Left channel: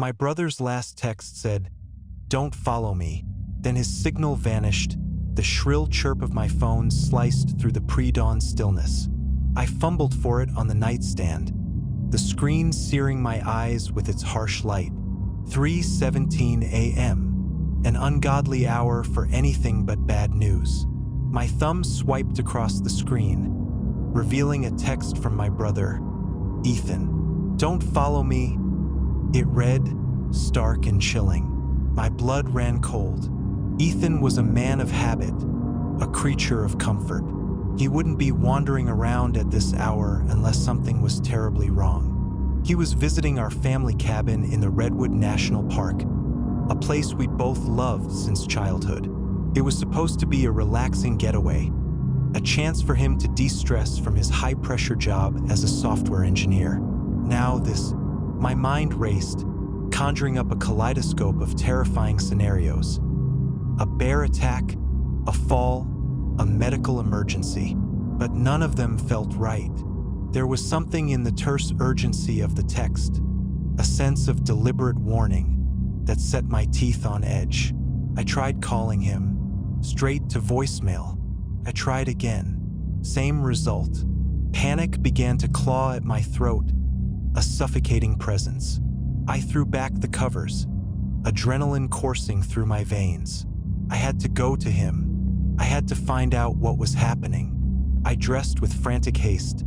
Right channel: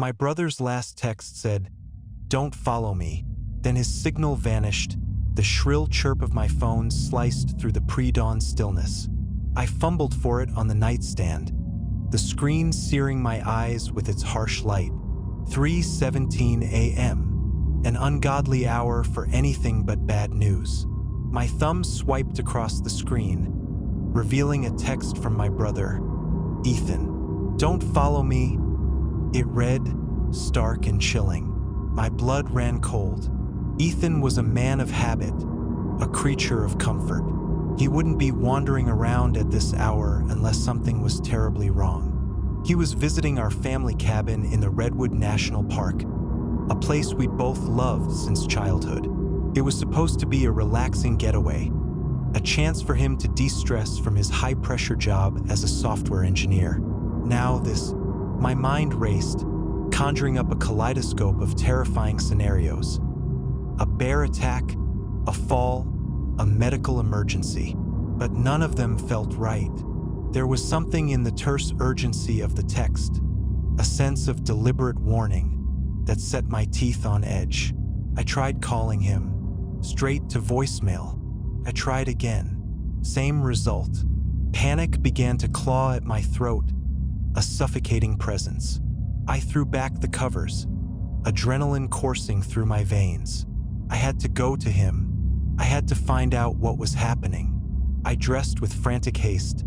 My brother's last text said, "Don't follow me." Then his signal vanished. The shrill chirp of my phone sliced through the pre-dawn stillness. I fumbled for it on the nightstand, the screen searing my eyes with its harsh light. 3:17 a.m., an ungodly hour for anything but bad news. My thumb swiped across the screen, revealing a text from my brother, Ethan. "Don't follow me." It read, stark and chilling. My blood ran cold. Ethan was a man of habit, a creature of comfort. He wouldn't be wandering around at this hour unless something was terribly wrong. He was visiting our family cabin in the Redwood National Park, a place we'd both loved since childhood. It was supposed to be a relaxing getaway, a chance for him to de-stress from his high-pressure job as a software engineer. My mind raced, conjuring up a kaleidoscope of terrifying scenarios. A bear attack, a fall, a medical emergency. But none of them felt right. There was something in the terse urgency of the text, a sense of deliberate warning that set my teeth on edge. I tried calling him, straight to voicemail. I tried again. Same result. Panic began to claw at my throat, a suffocating presence. I threw back the covers, adrenaline coursing through my veins. I had to go to him. I had to find out what was happening. I dressed with frantic haste,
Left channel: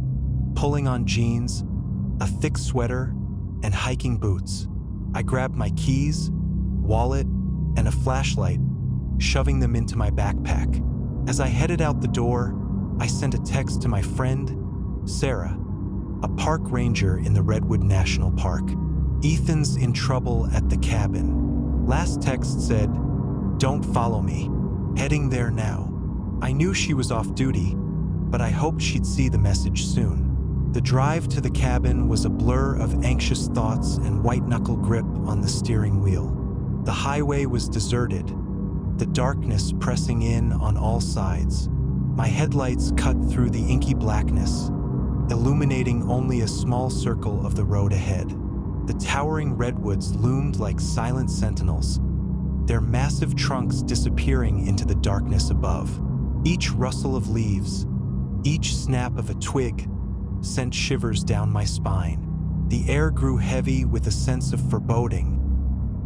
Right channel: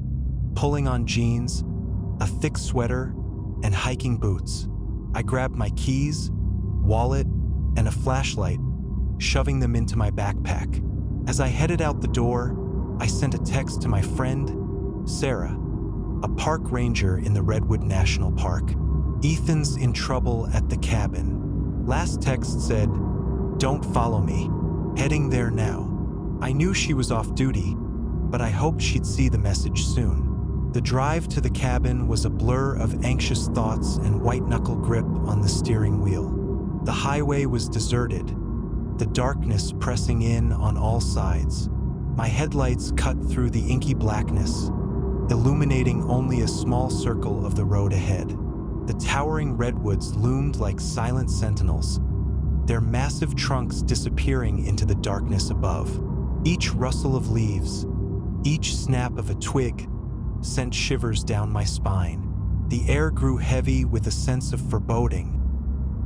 pulling on jeans, a thick sweater, and hiking boots. I grabbed my keys, wallet, and a flashlight, shoving them into my backpack. As I headed out the door, I sent a text to my friend, Sarah, a park ranger in the Redwood National Park. "Ethan's in trouble at the cabin." Last text said, "Don't follow me. Heading there now." I knew she was off duty, but I hoped she'd see the message soon. The drive to the cabin was a blur of anxious thoughts and white-knuckle grip on the steering wheel. The highway was deserted, the darkness pressing in on all sides. My headlights cut through the inky blackness, illuminating only a small circle of the road ahead. The towering redwoods loomed like silent sentinels, their massive trunks disappearing into the darkness above. Each rustle of leaves, each snap of a twig, sent shivers down my spine. The air grew heavy with a sense of foreboding,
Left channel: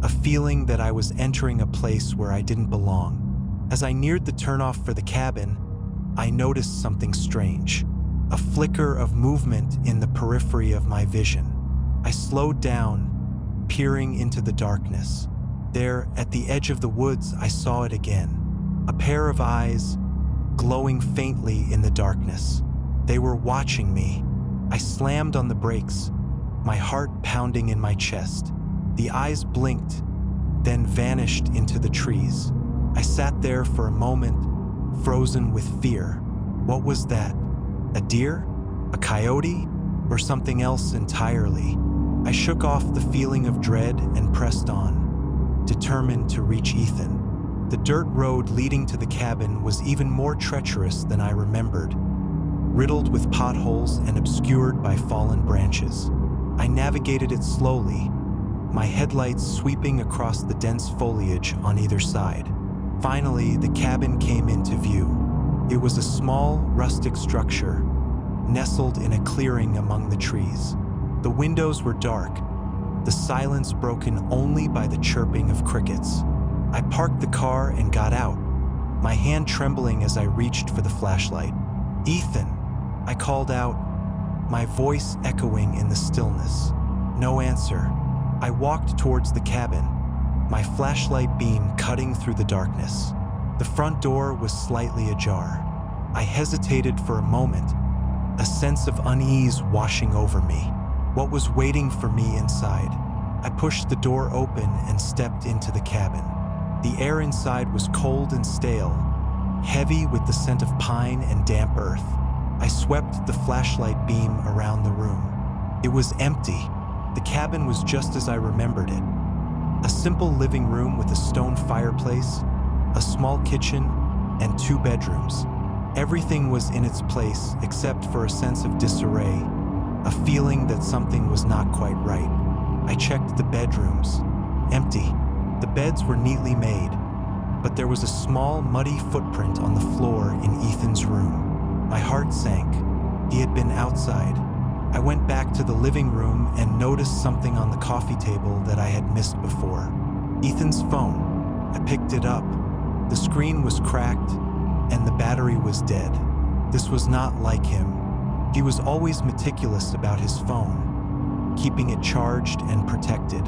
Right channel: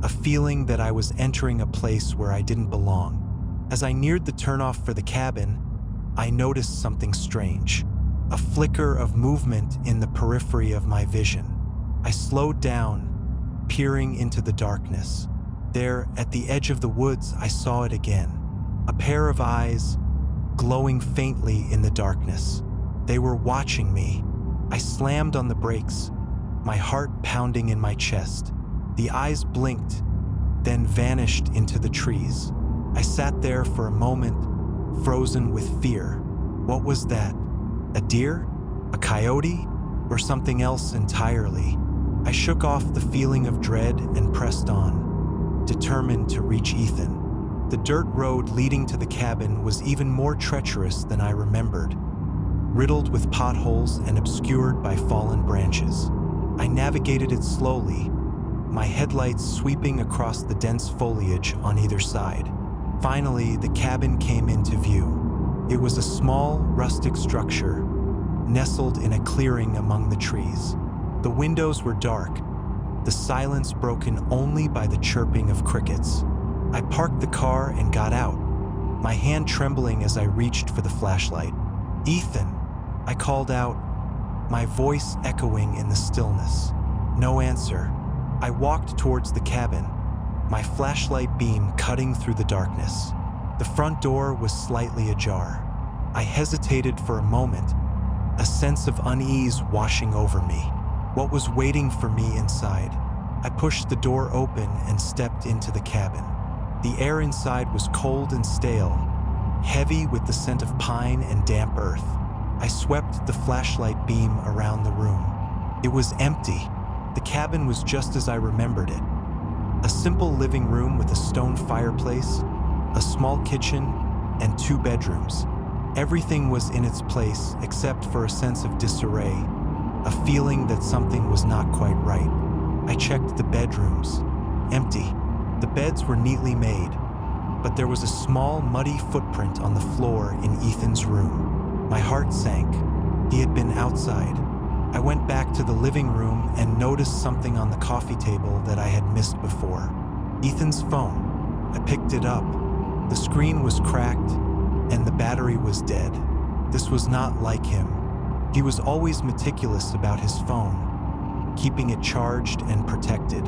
a feeling that I was entering a place where I didn't belong. As I neared the turnoff for the cabin, I noticed something strange, a flicker of movement in the periphery of my vision. I slowed down, peering into the darkness. There, at the edge of the woods, I saw it again. A pair of eyes, glowing faintly in the darkness. They were watching me. I slammed on the brakes, my heart pounding in my chest. The eyes blinked, then vanished into the trees. I sat there for a moment, frozen with fear. What was that? A deer? A coyote? Or something else entirely? I shook off the feeling of dread and pressed on, determined to reach Ethan. The dirt road leading to the cabin was even more treacherous than I remembered, riddled with potholes and obscured by fallen branches. I navigated it slowly, my headlights sweeping across the dense foliage on either side. Finally, the cabin came into view. It was a small, rustic structure, nestled in a clearing among the trees. The windows were dark, the silence broken only by the chirping of crickets. I parked the car and got out, my hand trembling as I reached for the flashlight. "Ethan," I called out, my voice echoing in the stillness. No answer. I walked towards the cabin, my flashlight beam cutting through the darkness. The front door was slightly ajar. I hesitated for a moment, a sense of unease washing over me. What was waiting for me inside? I pushed the door open and stepped into the cabin. The air inside was cold and stale, heavy with the scent of pine and damp earth. I swept the flashlight beam around the room. It was empty. The cabin was just as I remembered it. A simple living room with a stone fireplace, a small kitchen, and 2 bedrooms. Everything was in its place except for a sense of disarray, a feeling that something was not quite right. I checked the bedrooms. Empty. The beds were neatly made, but there was a small, muddy footprint on the floor in Ethan's room. My heart sank. He had been outside. I went back to the living room and noticed something on the coffee table that I had missed before. Ethan's phone. I picked it up. The screen was cracked, and the battery was dead. This was not like him. He was always meticulous about his phone, keeping it charged and protected.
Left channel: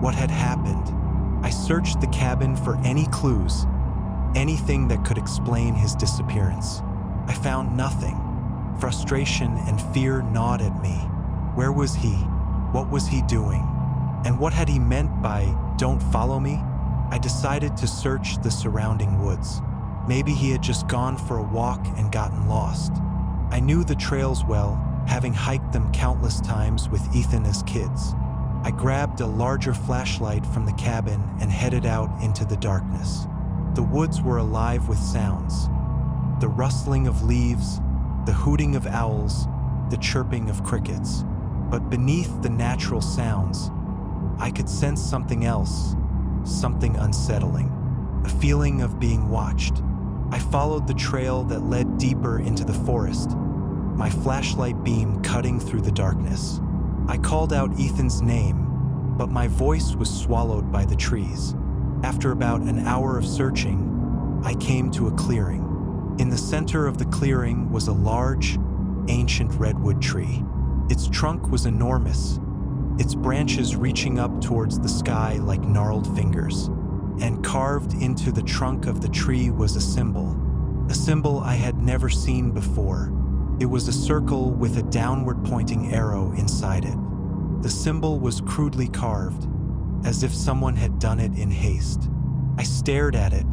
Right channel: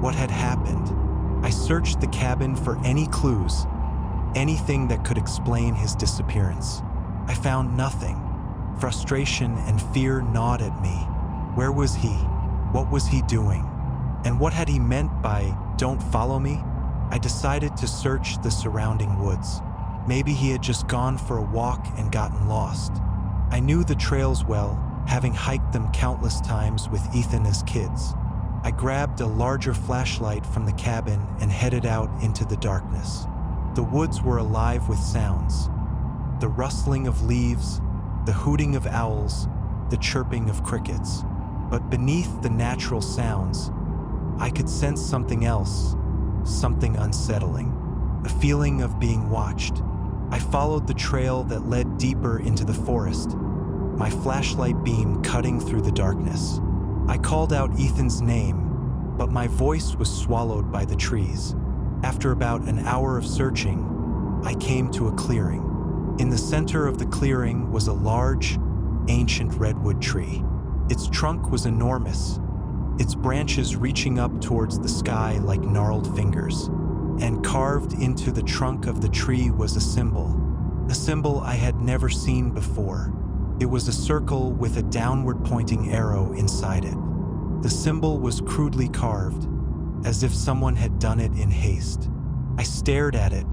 What had happened? I searched the cabin for any clues, anything that could explain his disappearance. I found nothing. Frustration and fear gnawed at me. Where was he? What was he doing? And what had he meant by, "Don't follow me"? I decided to search the surrounding woods. Maybe he had just gone for a walk and gotten lost. I knew the trails well, having hiked them countless times with Ethan as kids. I grabbed a larger flashlight from the cabin and headed out into the darkness. The woods were alive with sounds. The rustling of leaves, the hooting of owls, the chirping of crickets. But beneath the natural sounds, I could sense something else, something unsettling, a feeling of being watched. I followed the trail that led deeper into the forest, my flashlight beam cutting through the darkness. I called out Ethan's name, but my voice was swallowed by the trees. After about an hour of searching, I came to a clearing. In the center of the clearing was a large, ancient redwood tree. Its trunk was enormous, its branches reaching up towards the sky like gnarled fingers. And carved into the trunk of the tree was a symbol I had never seen before. It was a circle with a downward-pointing arrow inside it. The symbol was crudely carved, as if someone had done it in haste. I stared at it,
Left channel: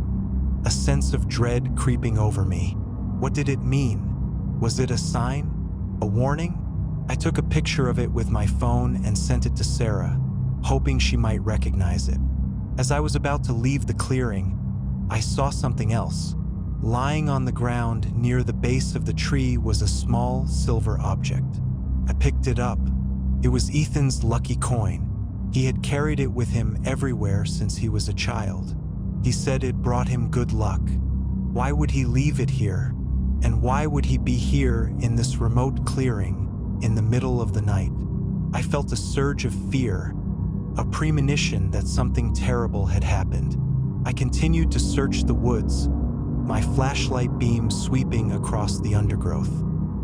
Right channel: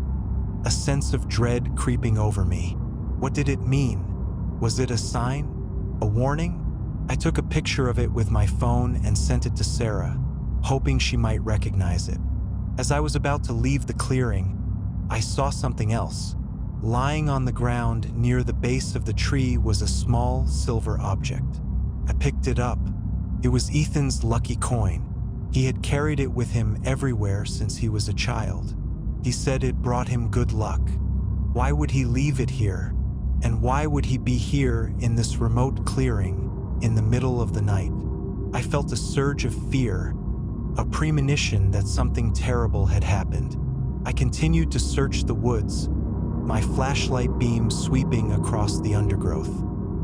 a sense of dread creeping over me. What did it mean? Was it a sign? A warning? I took a picture of it with my phone and sent it to Sarah, hoping she might recognize it. As I was about to leave the clearing, I saw something else. Lying on the ground near the base of the tree was a small silver object. I picked it up. It was Ethan's lucky coin. He had carried it with him everywhere since he was a child. He said it brought him good luck. Why would he leave it here? And why would he be here in this remote clearing in the middle of the night? I felt a surge of fear, a premonition that something terrible had happened. I continued to search the woods, my flashlight beam sweeping across the undergrowth.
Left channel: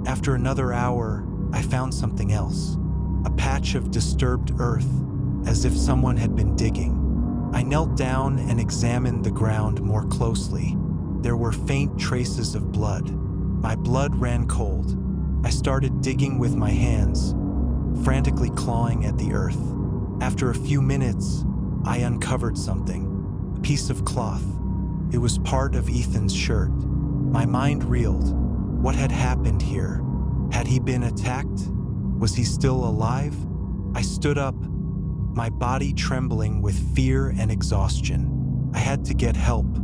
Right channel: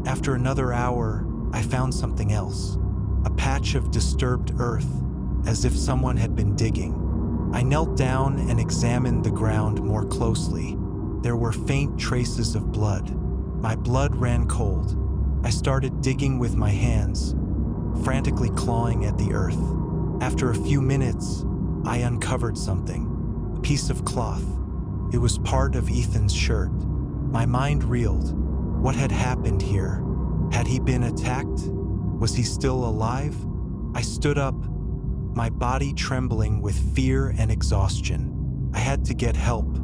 After another hour, I found something else, a patch of disturbed earth, as if someone had been digging. I knelt down and examined the ground more closely. There were faint traces of blood. My blood ran cold. I started digging with my hands, frantically clawing at the earth. After a few minutes, I uncovered something, a piece of cloth. It was part of Ethan's shirt. My mind reeled. What had happened here? Had he been attacked? Was he still alive? I stood up, my body trembling with fear and exhaustion. I had to get help.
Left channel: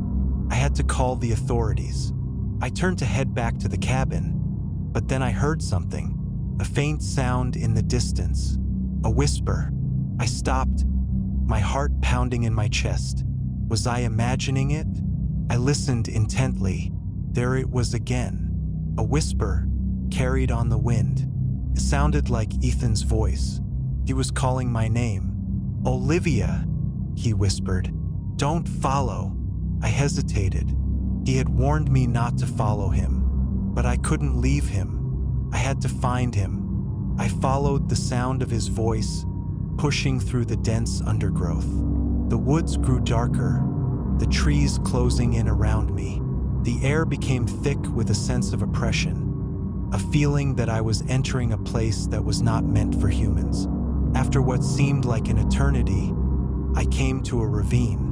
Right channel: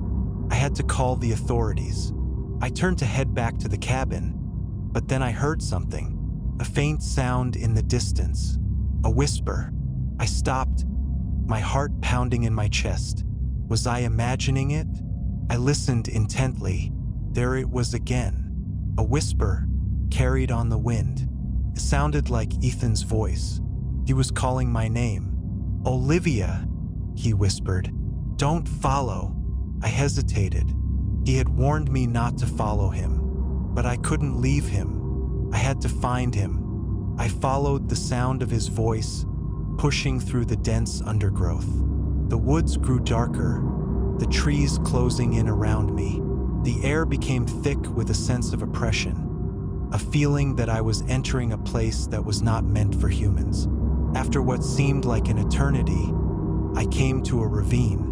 I had to call the authorities. I turned to head back to the cabin, but then I heard something, a faint sound in the distance, a whisper. I stopped, my heart pounding in my chest. Was I imagining it? I listened intently. There it was again, a whisper carried on the wind. It sounded like Ethan's voice. He was calling my name. "Olivia," he whispered. "Don't follow." I hesitated. He had warned me not to follow him, but I couldn't leave him. I had to find him. I followed the sound of his voice, pushing through the dense undergrowth. The woods grew darker, the trees closing in around me. The air became thick with a sense of oppression, a feeling that I was entering a place that was not meant for humans. After what seemed like an eternity, I came to a ravine.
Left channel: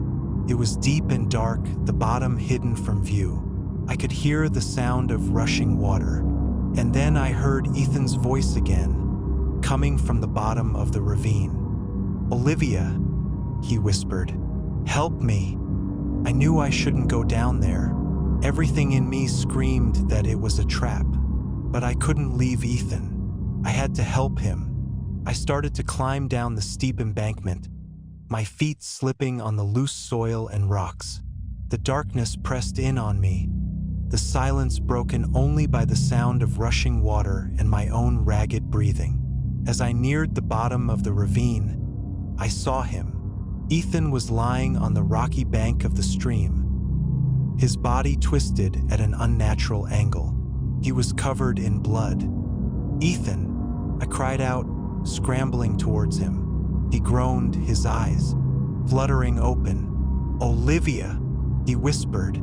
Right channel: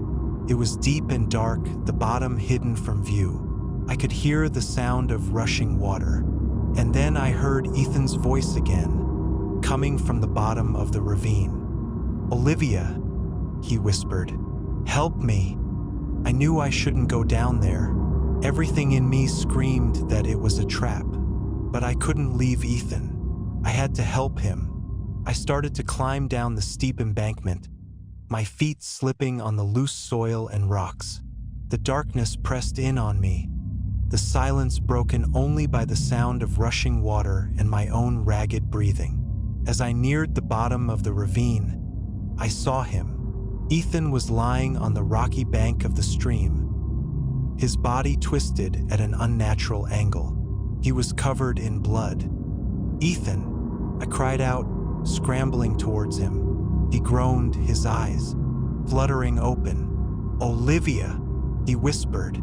It was deep and dark, the bottom hidden from view. I could hear the sound of rushing water. And then I heard Ethan's voice again, coming from the bottom of the ravine. "Olivia," he whispered, "help me." I knew I shouldn't go down there. Everything in me screamed that it was a trap. But I couldn't leave Ethan. I had to help him. I started to climb down the steep embankment, my feet slipping on the loose soil and rocks. The darkness pressed in on me, the silence broken only by the sound of rushing water and my own ragged breathing. As I neared the bottom of the ravine, I saw him. Ethan was lying on the rocky bank of the stream, his body twisted at an unnatural angle. He was covered in blood. "Ethan!" I cried out, scrambling towards him. He groaned, his eyes fluttering open. "Olivia!" he whispered.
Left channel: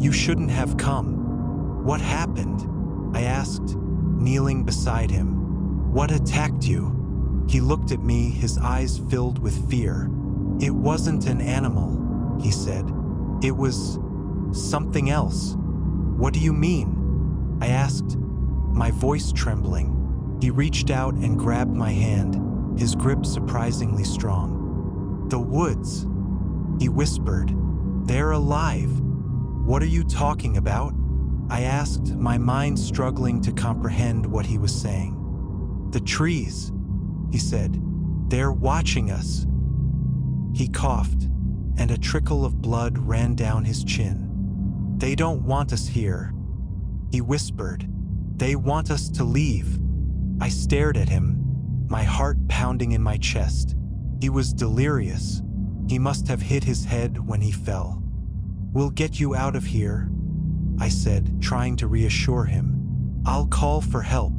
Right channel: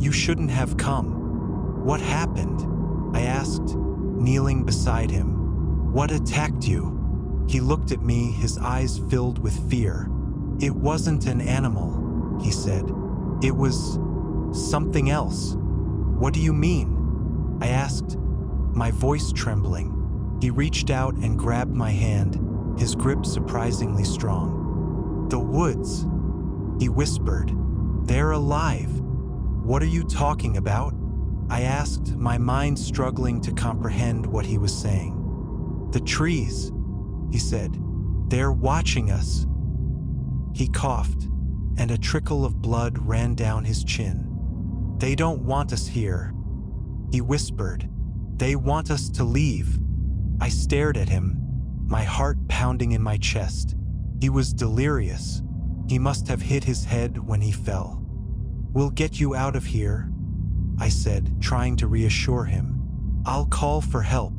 "You shouldn't have come." "What happened?" I asked, kneeling beside him. "What attacked you?" He looked at me, his eyes filled with fear. "It wasn't an animal," he said. "It was something else." "What do you mean?" I asked, my voice trembling. He reached out and grabbed my hand, his grip surprisingly strong. "The woods," he whispered. "They're alive." "What are you talking about?" I asked, my mind struggling to comprehend what he was saying. "The trees," he said. "They're watching us." He coughed, and a trickle of blood ran down his chin. "They don't want us here," he whispered. "They want us to leave." I stared at him, my heart pounding in my chest. He was delirious. He must have hit his head when he fell. "We'll get you out of here," I said, trying to reassure him. "I'll call for help."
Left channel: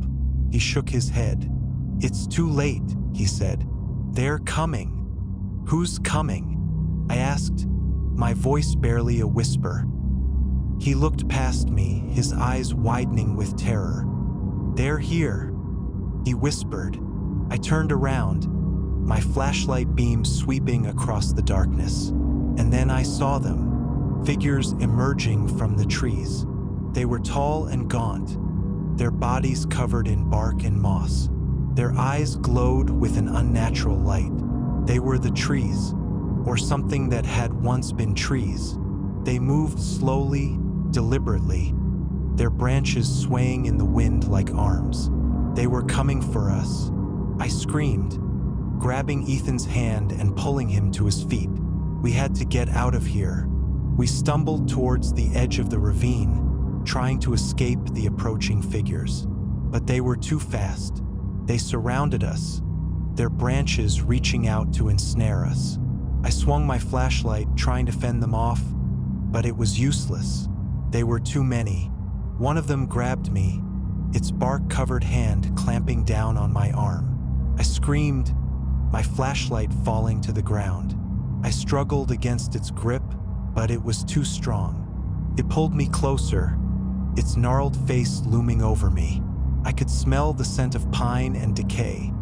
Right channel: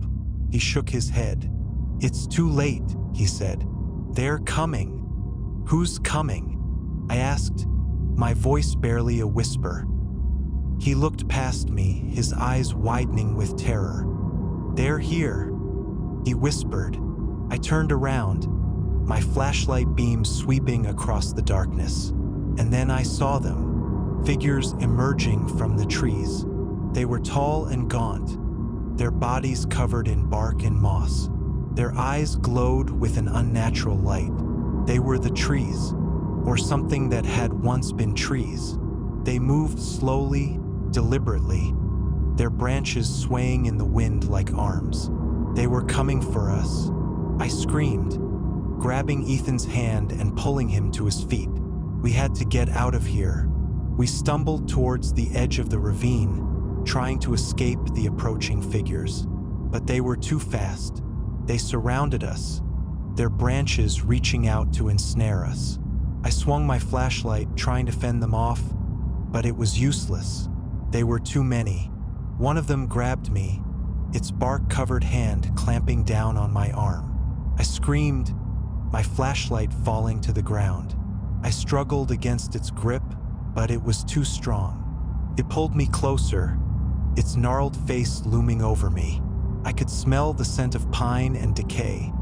He shook his head. "It's too late," he said. "They're coming." "Who's coming?" I asked, my voice barely a whisper. He looked past me, his eyes widening with terror. "They're here," he whispered. I turned around, my flashlight beam sweeping across the darkness. And then I saw them, figures emerging from the trees. They were tall and gaunt, their bodies covered in bark and moss. Their eyes glowed with an unnatural light. They were the trees, or something that had once been trees. They moved slowly, deliberately, their branches swaying in the wind like arms. They were coming for us. I screamed, grabbing Ethan's hand and pulling him to his feet. We had to get out of here. We stumbled towards the edge of the ravine, trying to escape the approaching figures. But they were too fast. They surrounded us, their branches reaching out to ensnare us. I swung my flashlight, trying to fend them off, but it was useless. They were too many. One of them grabbed me, its bark-covered hand clamping down on my arm. I screamed, my flashlight falling to the ground. I struggled against its grip, but it was too strong. It pulled me closer, its gnarled face looming over me. I could smell the scent of pine and decay,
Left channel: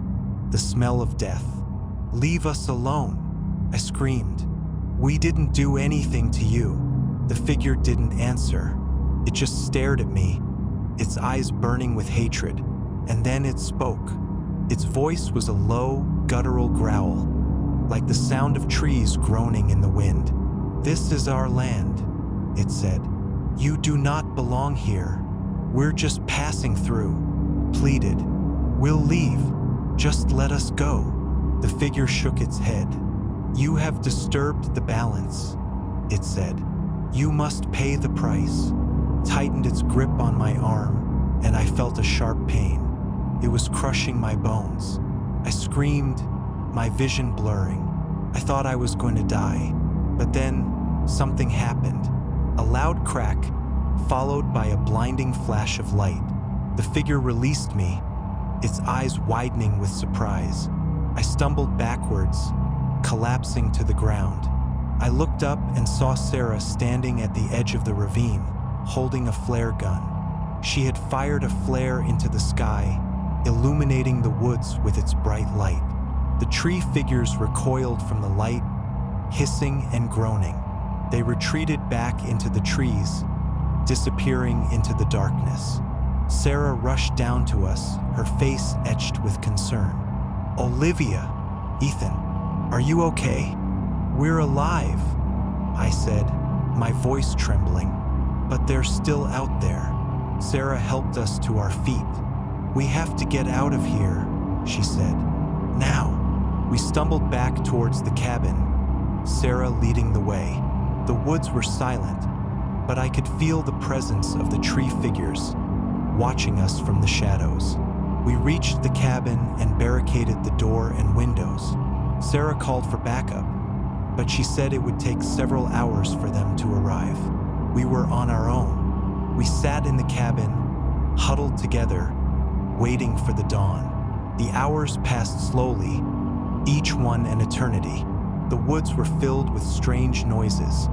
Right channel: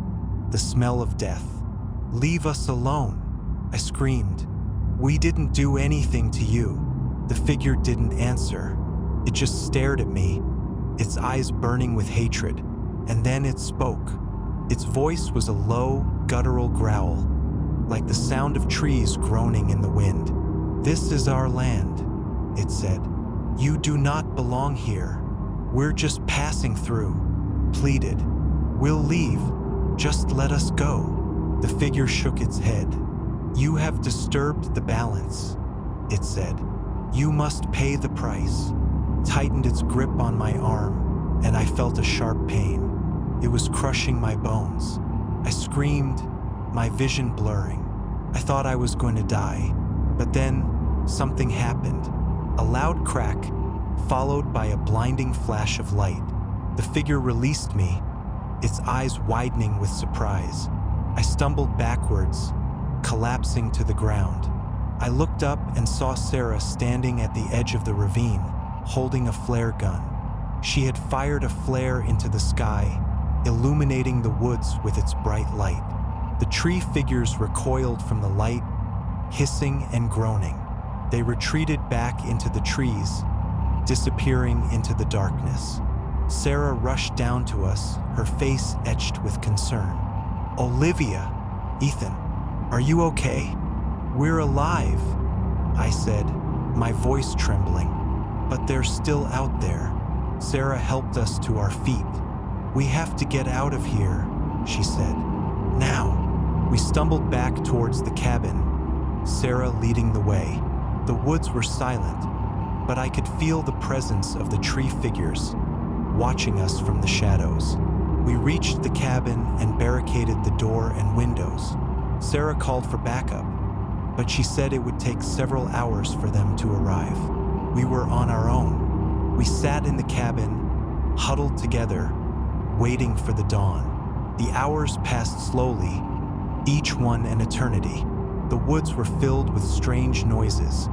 the smell of death. "Leave us alone," I screamed. "We didn't do anything to you." The figure didn't answer. It just stared at me, its eyes burning with hatred. And then it spoke. Its voice was a low, guttural growl, like the sound of trees groaning in the wind. "This is our land," it said. "You do not belong here. We're just passing through," pleaded. "We'll leave. Just let us go." The figure shook its head. "You have disturbed the balance," it said. "You must pay the price." Tightened its grip on my arm, and I felt a sharp pain. It was crushing my bones. I screamed, my vision blurring. I thought I was going to die, but then something happened. A loud crack, followed by a blinding flash of light. The figure released me, its eyes widening with surprise. I stumbled backwards, collapsing to the ground. I looked up and saw Sarah standing at the edge of the ravine, holding a flare gun. She had fired a flare into the sky, illuminating the woods with its bright light. The tree figures recoiled from the light, hissing and groaning. They retreated back into the trees, disappearing into the darkness. Sarah rushed down to us, her face etched with concern. "Olivia, Ethan, are you okay?" "We're alive," I said, my voice trembling. "But they're still out there." Sarah helped us to our feet. "We have to get out of here," she said. Now. We stumbled back towards the cabin, Sarah leading the way. The woods were silent, but I could feel the presence of the tree figures watching us from the shadows. We reached the cabin and barricaded the door and windows. Sarah called for backup, but she said it would take several hours for them to arrive. We were on our own. We sat in the cabin, huddled together, waiting for the dawn. The hours passed slowly, each one an eternity. The woods were filled with strange noises.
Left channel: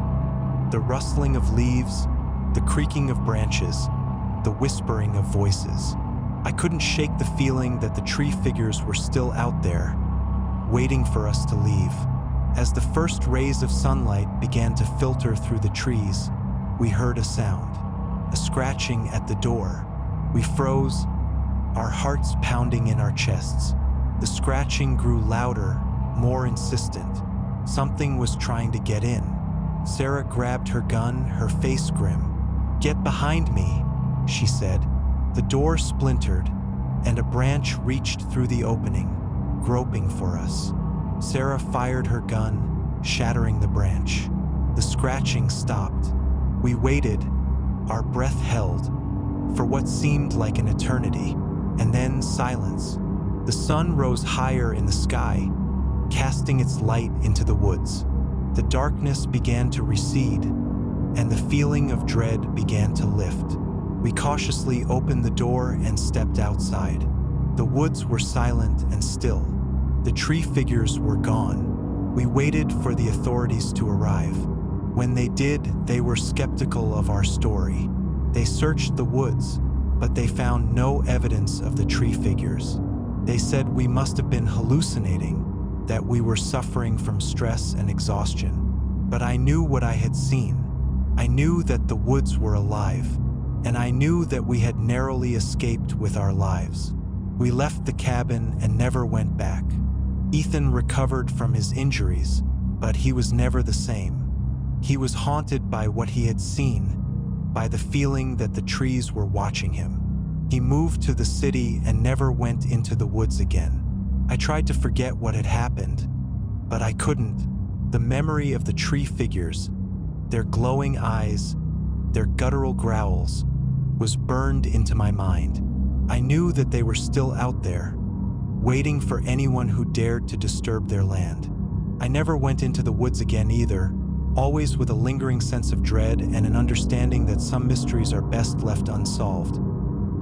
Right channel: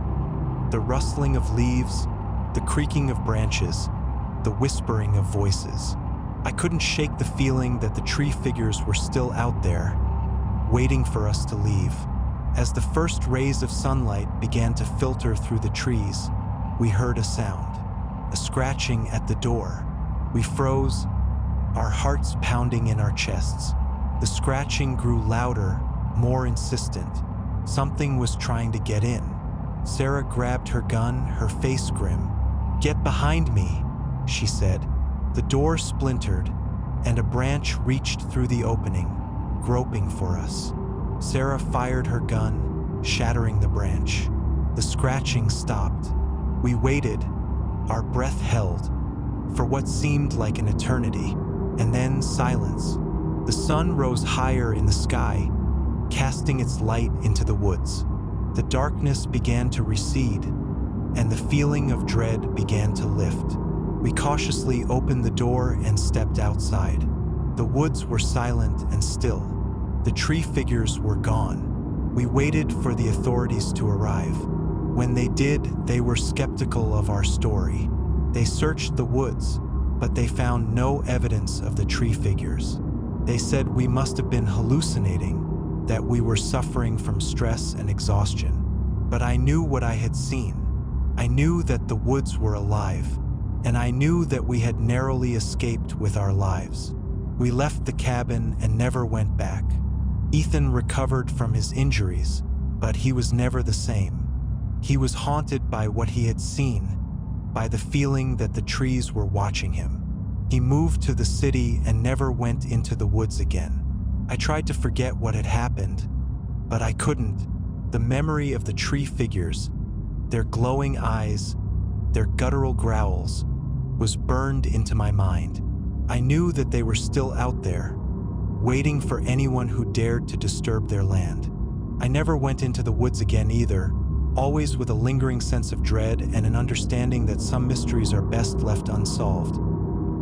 The rustling of leaves, the creaking of branches, the whispering of voices. I couldn't shake the feeling that the tree figures were still out there, waiting for us to leave. As the first rays of sunlight began to filter through the trees, we heard a sound, a scratching at the door. We froze, our hearts pounding in our chests. The scratching grew louder, more insistent. Something was trying to get in. Sarah grabbed her gun, her face grim. "Get behind me," she said. The door splintered, and a branch reached through the opening, groping for us. Sarah fired her gun, shattering the branch. The scratching stopped. We waited, our breath held, for what seemed like an eternity, and then silence. The sun rose higher in the sky, casting its light into the woods. The darkness began to recede, and the feeling of dread began to lift. We cautiously opened the door and stepped outside. The woods were silent and still. The tree figures were gone. We waited for the authorities to arrive. When they did, they were skeptical of our story. They searched the woods, but they found no evidence of the tree figures. They said we must have been hallucinating, that we were suffering from stress and exhaustion. But I knew what I had seen. I knew that the woods were alive, and I knew that we had narrowly escaped with our lives. We left the cabin and never went back. Ethan recovered from his injuries, but he was never the same. He was haunted by what he had seen, by the feeling that the trees were watching him. He moved to the city and never went into the woods again. I tried to forget what had happened, but I couldn't. The memory of the tree figures, their glowing eyes, their guttural growls, was burned into my mind. I knew that they were still out there, waiting for anyone who dared to disturb their land. I never went into the woods again either, always with a lingering sense of dread and an understanding that some mysteries are best left unsolved,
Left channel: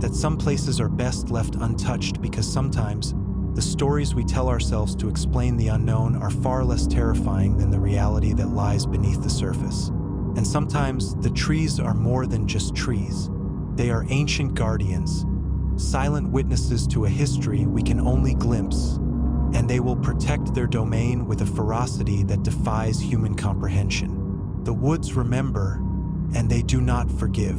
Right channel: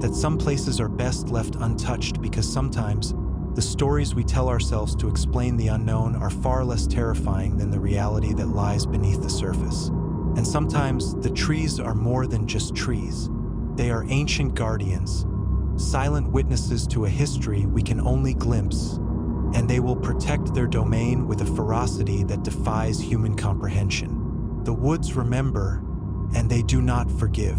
that some places are best left untouched because sometimes the stories we tell ourselves to explain the unknown are far less terrifying than the reality that lies beneath the surface. And sometimes the trees are more than just trees. They are ancient guardians, silent witnesses to a history we can only glimpse, and they will protect their domain with a ferocity that defies human comprehension. The woods remember, and they do not forgive.